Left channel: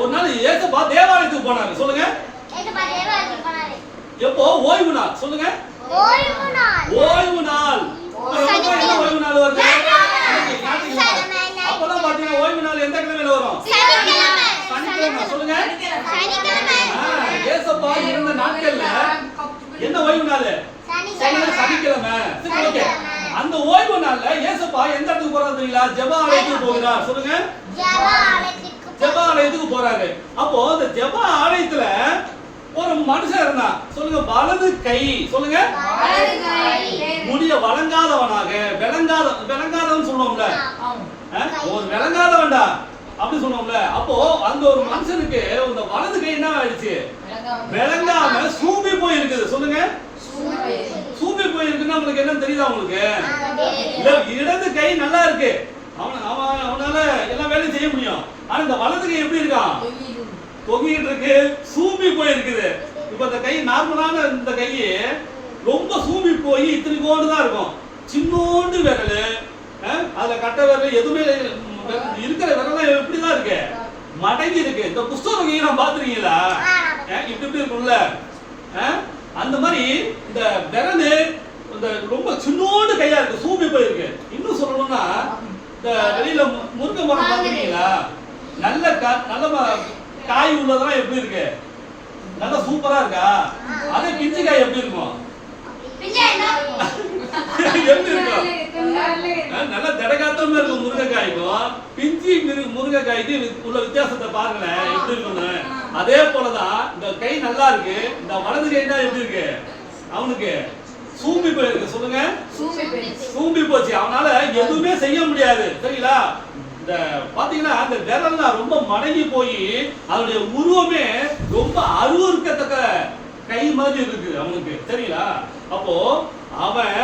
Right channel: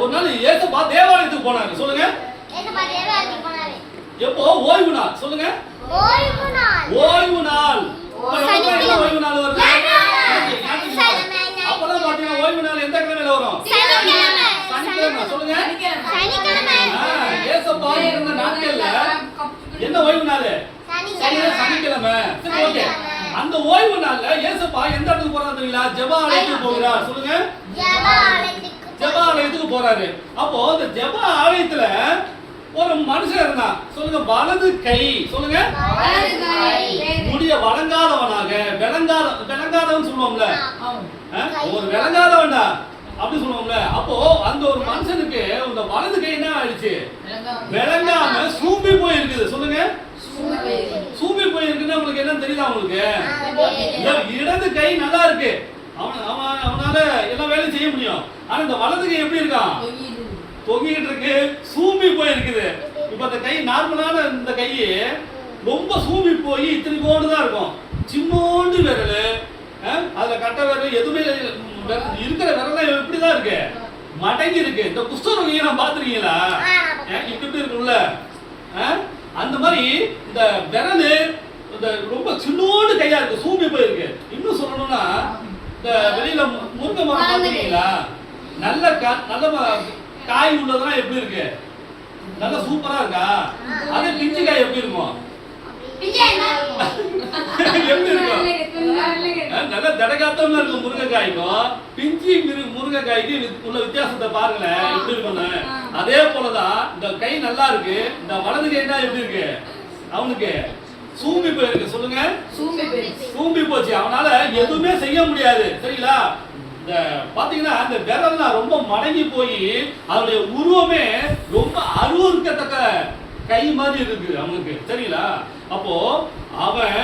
ஒரு நாள் ஏசப்பா தேவாலயத்துக்கு போனாரு. சொல்லுங்க. ஏசப்பா தேவாலயத்துக்கு போனாரு. எப்போ? ஓய்வு நாள். சொல்லுங்க. ஓய்வு நாள். ஓய்வு நாள். ஓய்வு நாள் வருது. அப்பதான் பாத்தீங்கன்னா ஓய்வு நாள் எந்த கிழமையில வரும்? சனிக்கிழமை. சொல்லுங்க. ஏசப்பா இருந்த நாட்கள்ல என்ன ஓய்வு நாள்? சனி சனிக்கிழமை. ஓகே. அந்த ஓய்வு நாள்ல ஏசப்பா எந்த இடத்துக்கு போறாரு தெரியுங்களா? ஜெப ஆலயத்துக்கு போகிறார். சொல்லுங்க. போறாரு. அப்போ அந்த ஜெப ஆலயத்துல ஒரு மனுஷன் இருந்தான் சொல்லுங்க வலது கை சொல்லுங்க. முடிய வழங்காதவனாக விளங்காத விளங்காதவன் சொல்லுவோம்ல? ஒரு விளங்காதவன்டா அப்படி சொல்லுவோம்ல. அப்போ அந்த ஒரு மனுஷனுக்கு இந்த வலது கை என்ன ஆயிடுச்சு? விளங்காம. சூம்பி போய் இருக்குது சொல்லுங்க. சூம்பி போய் இருக்குன்னா உங்களுக்கு என்ன தெரியுதா உங்களுக்கு? இடது கை நல்லா இருக்கு. அவன் அவன் அவனால செய்ய முடியும். ஆனா இந்த வலது கை எப்படி இருக்கான் தொங்கிட்டு இருக்கு சூம்பி போயிருக்குது. இப்போ இப்ப இந்த கை நார்மலான இந்த கை ரொம்ப சூம்பி போய் இத்தனை கோண்டு தான் இருக்கும். சின்னோண்டு விரல். அதுல கட்ட விரல் எதுவுமே விரல் இருக்கிற விரல எப்படி தான் இருக்கு. மடங்கி இருக்கு. இந்த குஷ்டரோகியை நான் பாத்துருக்கீங்களா ஏன் இப்படி இப்படி இருக்கும்ல. அந்த மாதிரி இந்த விரல் இந்த ரொம்ப சின்னோண்டு கையா இருக்கு. சூம்பி போயிருக்கு. இன்னும் சொல்லணும்னா இந்த வெளியில முருங்கை மரம் பாத்துருக்கீங்களா? நல்ல கா- நல்ல காய் உள்ளதெல்லாம் எப்படி இருக்கு? நல்ல சூப்பரா இருக்கா? அதே பிஞ்சு காய் எப்படி இருக்கும்? எப்படி இருக்கும்? நல்ல தடகாத்தமா இருக்கும் முருங்கைக்காய்க்கும். பிஞ்சி மிரு- முருங்கைக்காய்க்கு உள்ள வித்தியாசத்தை பாருங்களேன். எப்படி இருக்கும்னு. அதே போலதான் இந்த கை நல்லா இருக்கு. இந்த வலது கை தான் எப்படி இருக்கு? அவனுக்கு. சூம்பி போயிருக்கு சொல்லுங்க. சூம்பி போச்சு. அவனால எதுவுமே செய்ய முடியாது. சரிங்களா? இந்த பாத்தீங்கன்னா இந்த விரல்லாம் ரொம்ப மடங்கி போய் அதனுடைய உருவமே ரொம்ப அருவருக்கத்தக்க கை மாதிரி இருக்கு அவனுக்கு. சரிங்களா? அப்போ அவன்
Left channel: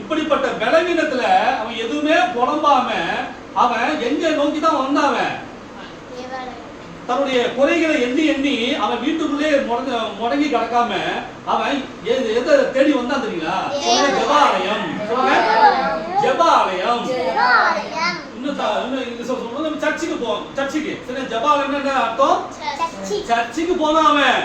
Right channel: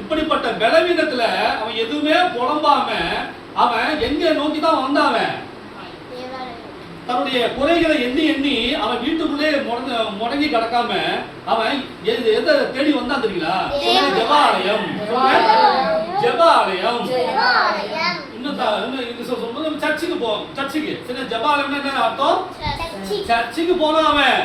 இப்படிப்பட்ட பலவீனத்துல அவன் எதுவுமே புலம்பாம அவன் எங்க நோக்கி தான் வந்தாவன் தன்னுடைய குறைகளை எண்ணி எண்ணி அவன் வீட்டுக்குள்ளே முடங்க முடங்கி கிடக்காம அவன் எதை தேடி வந்தான் தெரியுங்களா? ஜெபாலயம். ஜெபாலயம். இன்னும் சர்ச்சுக்கு போ சர்ச்சுக்கு. சரி ஜெபாலயம்னா என்ன அர்த்தம்? சர்ச்சு. சர்ச்சுக்கு போனான் அவன்